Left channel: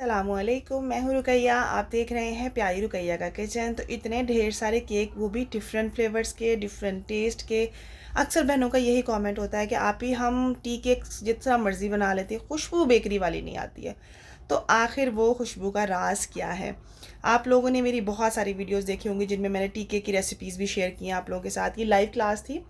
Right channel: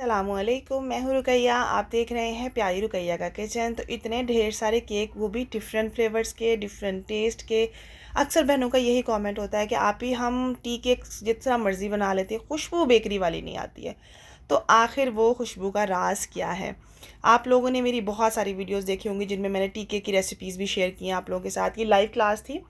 अस्सलामुअलैकुम, मैं हूँ रुकैया। आप देख रहे हैं प्यारी रुकैया का किचन। तो इतने ढेर सारे केक, वो भी डिफरेंट फ्लेवर्स के, डिफरेंट टेस्ट के। अक्सर बहनों का यही कमेंट होता है कि आप ही हम टी केक जितना मर्ज़ी बना लेते हैं, खुशबू बेकरी वाली नहीं आती है। तो आखिर वो खुशबू का राज क्या है? आप लोगों ने मेरी बहुत सारी वीडियोस देखी होंगी जिनमें मैंने टी केक की रेसिपीज़ भी शेयर की हैं आप लोगों के साथ। ये लाइव क्लास थी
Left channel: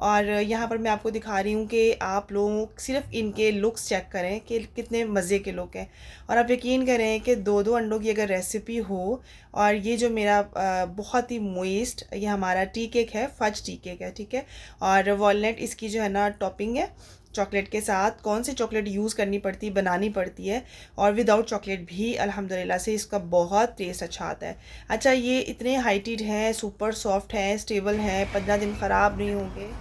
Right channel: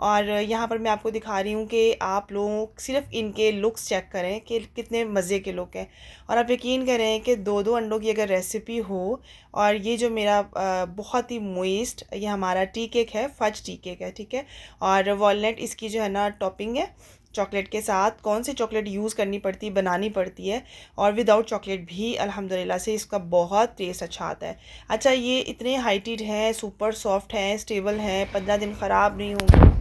और यहाँ पर मैं आपको दिखा रही हूँ कि आप लोग सिर्फ इनके लुक्स चेक करें कि कितने मज़े के लुक हैं। और आप यकीन करें कि दो दो अंडों की अगर रेसिपी हो, और ये जो मेरा बहुत ही मोइस्ट, ये हमारा टी केक है, फज टी केक है, ठीक है। और वॉलनट इसकी जो है ना टॉपिंग है चॉकलेट के साथ। कौन सी चॉकलेट यूज़ करनी पड़ती, बनानी पड़ती है, और विदाउट चॉकलेट भी अल्हम्दुलिल्लाह से इसका बहुत टेस्ट अच्छा आता है। अच्छा, ये इतने हाइटेड हैं, सुपर सॉफ्ट हैं, स्टेबल हैं, 15 दिन ख़राब नहीं होंगे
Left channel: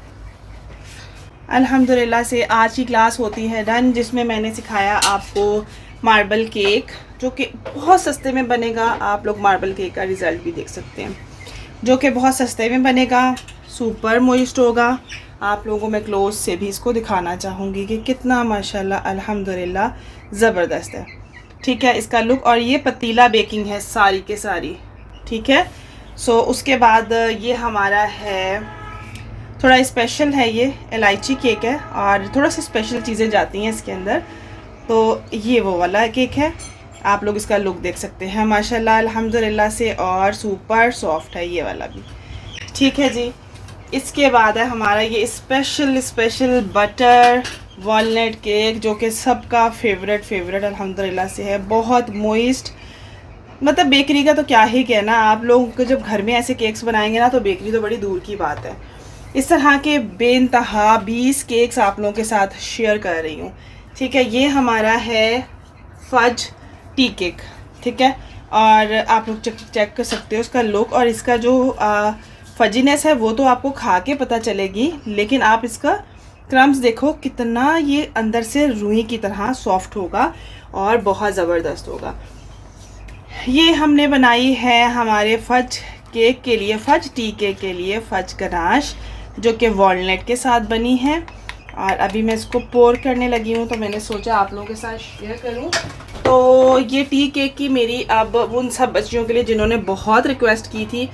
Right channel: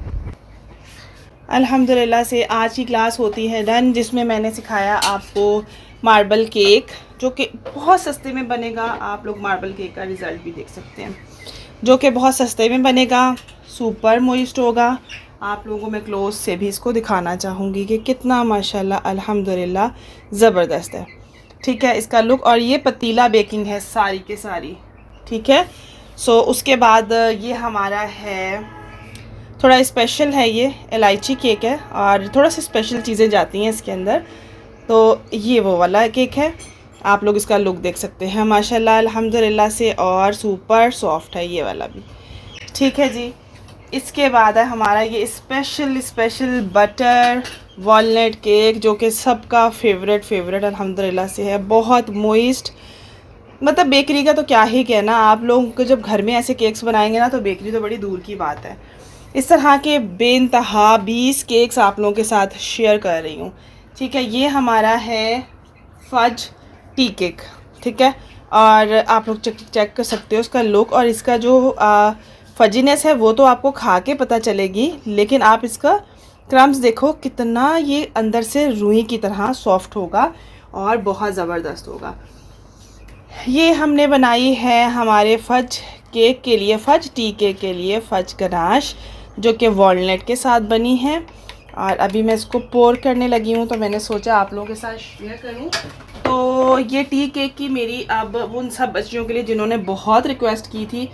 अल्हम्दुलिल्लाह से। आज की क्लास होती है डन, जिसमें मैंने सिखाया आपको मार्बल केक, जो कि बहुत सस्ते में बनेगा। आप लोग मार्बल केक का रिज़ल्ट भी देख सकते हैं, जो कि बहुत सस्ते में बनेगा, सुपर मॉइस्ट होगा। आप लोगों में क्लोज से भी इसको दिखाना चाहूँगी कि कितना माशाल्लाह अल्हम्दुलिल्लाह ज़बरदस्त है, ठीक है, इसका लुक। और ये पतीला बेकिंग है सारी के सारी, ठीक है। सो उसके बाद ये हमारा है, थोड़ा स्पेशल है, ये इलायची केक है और थोड़ा सी स्पेशल चीज़ें जाती हैं इसके अंदर। तो ये वो वाला केक है, आप लोग इसका लुक देख सकते हैं माशाल्लाह अल्हम्दुलिल्लाह से, और सुपर सॉफ्ट है ये वाला भी, ठीक है जी। इसके बाद है हमारा ये स्पेशल बटर वॉलनट केक, जो कि सबका फेवरेट अल्हम्दुलिल्लाह से है, बहुत मोइस्ट। मतलब बेकरी का तो क्या ही कहना, आप लोगों को जब घर में ऐसे केक्स बनाएंगे ना, तो बेकरी तो बड़ी दूर की बात है। इस तरह के बेइंतहा 20 केक्स आप लोगों के साथ शेयर कर रही हूँ, ठीक है। ये हमारा है फज टी केक, ठीक है। और आप लोग चेक कर सकते हो इसका लुक, और इसका जो फजीनेस है वो तो आपको खा के पता चलेगी, लेकिन आप इसका क्रम्स देखो कितना ये अंदर से रूई की तरह सॉफ्ट होगा और बहुत ज़बरदस्त होगा। ये हमने बनाई है हमारे फज केक के लिए, फज टी केक के लिए फज गनाश, जो कि वॉलनट के साथ बनी है। और अभी मैं इसको पोर करने लगी हूँ, तो मैंने सोचा आप लोगों के साथ शेयर करूँ। तो ये टी केक की मेरी अब उन सब बच्चियों के लिए जिन्होंने बहुत रिक्वेस्ट की थी।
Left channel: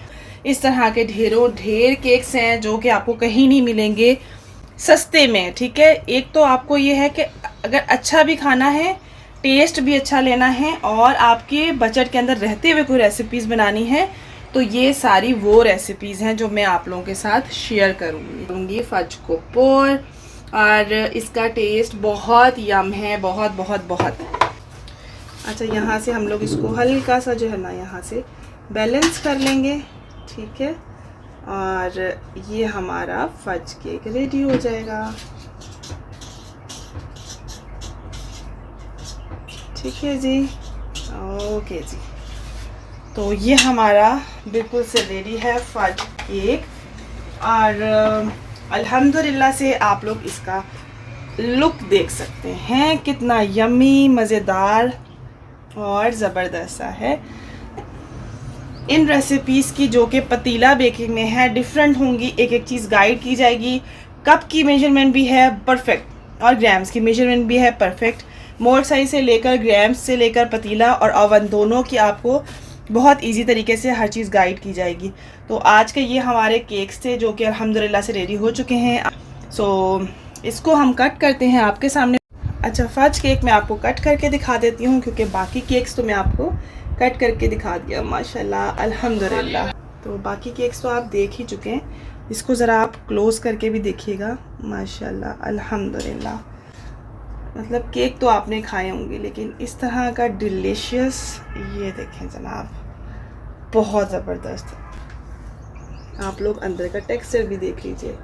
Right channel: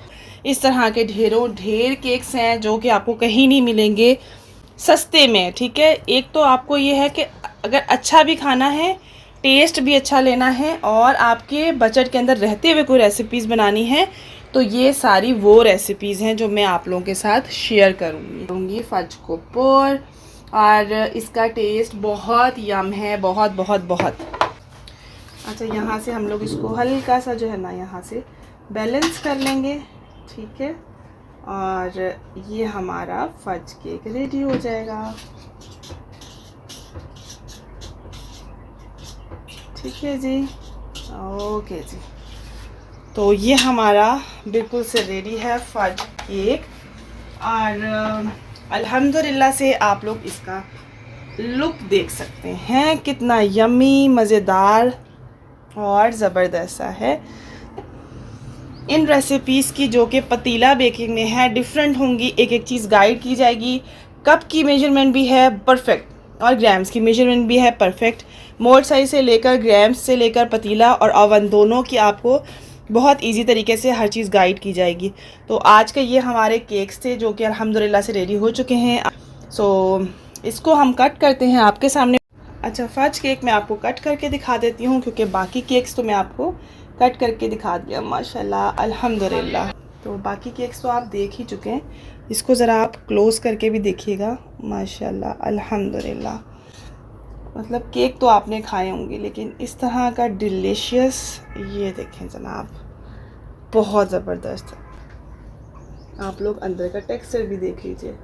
इस तरह के ढेर केक्स हैं जो कि आपको कहीं नहीं मिलेंगे सस्ते में, ठीक है। एक तो आपको ये है कि अगर अच्छा भी खाना है, टेस्ट भी अच्छा लेना है, और आपके बजट के अंदर रहते हुए कोई रेसिपीज़ बनानी है, तो ये सारी वो रेसिपीज़ हैं जो मैं आप लोगों के साथ शेयर करूँगी। फज को पोर, और इसका टेस्ट बहुत यम है, बहुत बहुत बहुत। अच्छा, यहाँ से हम लोग इसको हल्का सा जो है ना यहाँ से बैलेंस कर लेंगे, ठीक है। और ये हमारा फज केक रेडी हो जाएगा, ठीक है जी, ओके जी। तो ये हमारा बिल्कुल से रेडी है फज केक, और अल्हम्दुलिल्लाह से आप लोग इसका लुक देख सकते हैं कितना यम्मी, मज़ेदार और ज़बरदस्त सा है। इन रेसिपीज़ की जो कि पतीला बेकिंग में है डिफरेंट होंगी, एक एक चीज़ गाइड की जाएगी। कप की मेजरमेंट भी है परफेक्ट, और ग्राम्स की मेजरमेंट भी है परफेक्ट। मोल्ड साइज से लेकर, ग्राम्स से लेकर, पतीला और ओवन दोनों की आपको बहुत इजी तरीके से हर चीज़ गाइड की जाएगी। तो आज के ये हमारे केक्स थे जो कि अल्हम्दुलिल्लाह से रेडी हो चुके हैं। सो इसको हम कट करते हैं आपके सामने। अच्छा, फज केक मैं आपको कट करके दिखा देती हूँ, क्योंकि बाकी केक्स तो मैं आपको कट करके दिखा दिया माशाल्लाह अल्हम्दुलिल्लाह। तो बाकी केक्स तो आप देख ही चुके हैं, इसको ज़रा आप क्लोज करके भी देखिएगा माशाल्लाह अल्हम्दुलिल्लाह। मतलब केक तो आपने खाए होंगे, लेकिन इस तरह का डिलीशियस, ये देखें जनाब, बहुत ज़बरदस्त। आप लोग अंदर का टेक्सचर भी देख लीजिए,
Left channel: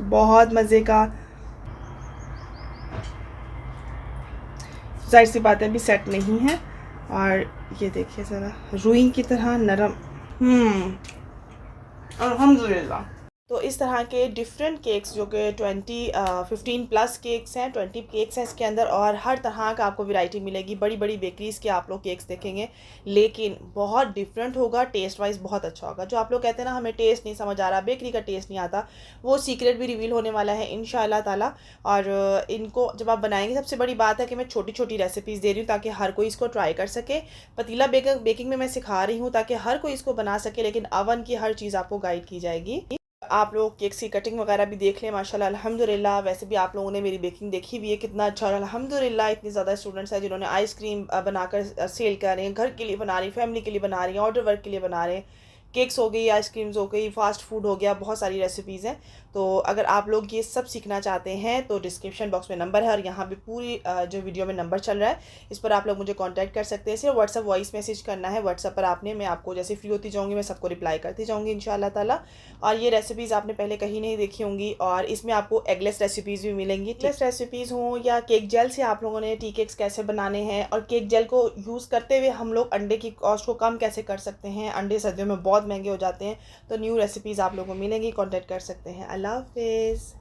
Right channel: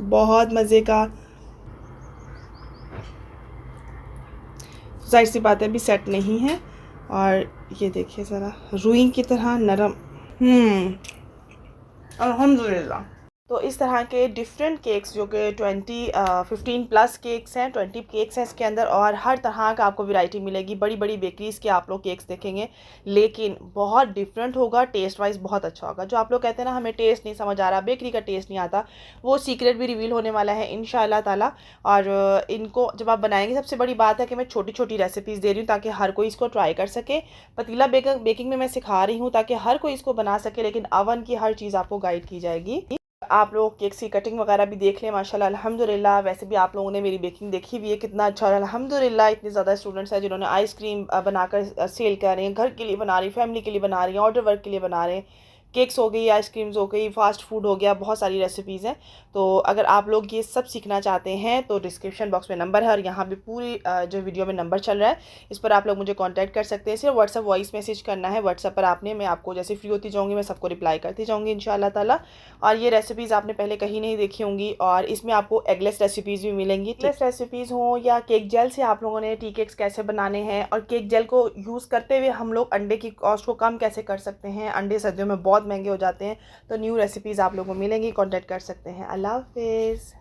बहुत मज़े का। जाहिर सी बात है अभी सेट नहीं है, और ये देखिए ज़रा रुई की तरह नरम, अल्हम्दुलिल्लाह। तो इस तरह के डिफरेंट केक्स जो कि 15 प्लस केक्स हैं, 20 केक्स हैं इसके अंदर, और हर तरह का आपको वैरायटी मिलेगी। बड़ी बड़ी बेकरीज़ के आप लोग केक्स देखेंगे, लेकिन बहुत डिफरेंट होगा, टेस्ट वाइज बहुत अच्छा होगा। जो आप लोग कहते हैं ना हमें टेस्ट नहीं समझ आ रहा, बेकरी का टेस्ट नहीं आता, वो सीक्रेट भी रिवील होने वाला है इंशाल्लाह ताला। और इनको जब आप बनाएंगे, सबसे बड़ी बात है कि मैं छोटी छोटी रेसिपीज़ दे रही हूँ ताकि हर कोई इसको ट्राई कर सके। पतीला बेकिंग में मैं सिखा रही हूँ ताकि हर कोई इसको बना सके, लेकिन अवन की हर चीज़ आपको गाइड की जाएगी। आप लोग केक्स की कटिंग वगैरह भी देख लें, माशाल्लाह अल्हम्दुलिल्लाह। वैसे भी आप लोगों ने मेरी बेकिंग देखी हुई है कितना अच्छा, और अल्हम्दुलिल्लाह इतने ज़्यादा स्टूडेंट्स हैं जिन्होंने आइसक्रीम बनाकर सेल कर रहे हैं, घर के लिए बना रही, फैमिली के लिए बना रही हैं, ऑर्डर वर्क के लिए बना रहे हैं। केक्स हो गई, आइसक्रीम्स हो गई, फ़ास्ट फूड हो गया, बहुत सारी रेसिपीज़ हैं। तो अगर आप लोग ये सब सीखना चाहते हैं तो डिस्क्रिप्शन बॉक्स में नंबर है, और यहाँ पे पूरी जो वीडियो में नंबर चल रहा है, इस पर आप लोग मुझे कांटेक्ट कर सकते हैं। सिर्फ व्हाट्सअप वॉइस मैसेज करना है व्हाट्सअप पर आपने, मैं आपको जैसे फ्री होती जाऊँगी मैं सबको रिप्लाई करती जाऊँगी इंशाल्लाह ताला। और ये रेसिपीज़ आपने पहले कहीं नहीं देखी होंगी, और इसमें आपको एगलेस रेसिपीज़ भी मिलेंगी। एगलेस रेसिपीज़ हों या केक जेल से आप लोगों ने टी केक्स कैसे बनाने हैं, और केक जेल को यूज़ करते हुए हम लोग अंडे की कॉस्ट को कम कैसे कर सकते हैं, अंडे सर्दियों में बहुत महंगे हो जाते हैं। तो न्यू रेसिपीज़ आप लोगों को मिलेंगी, कॉन्टैक्ट कर सकते हैं। अल्लाह हाफिज़।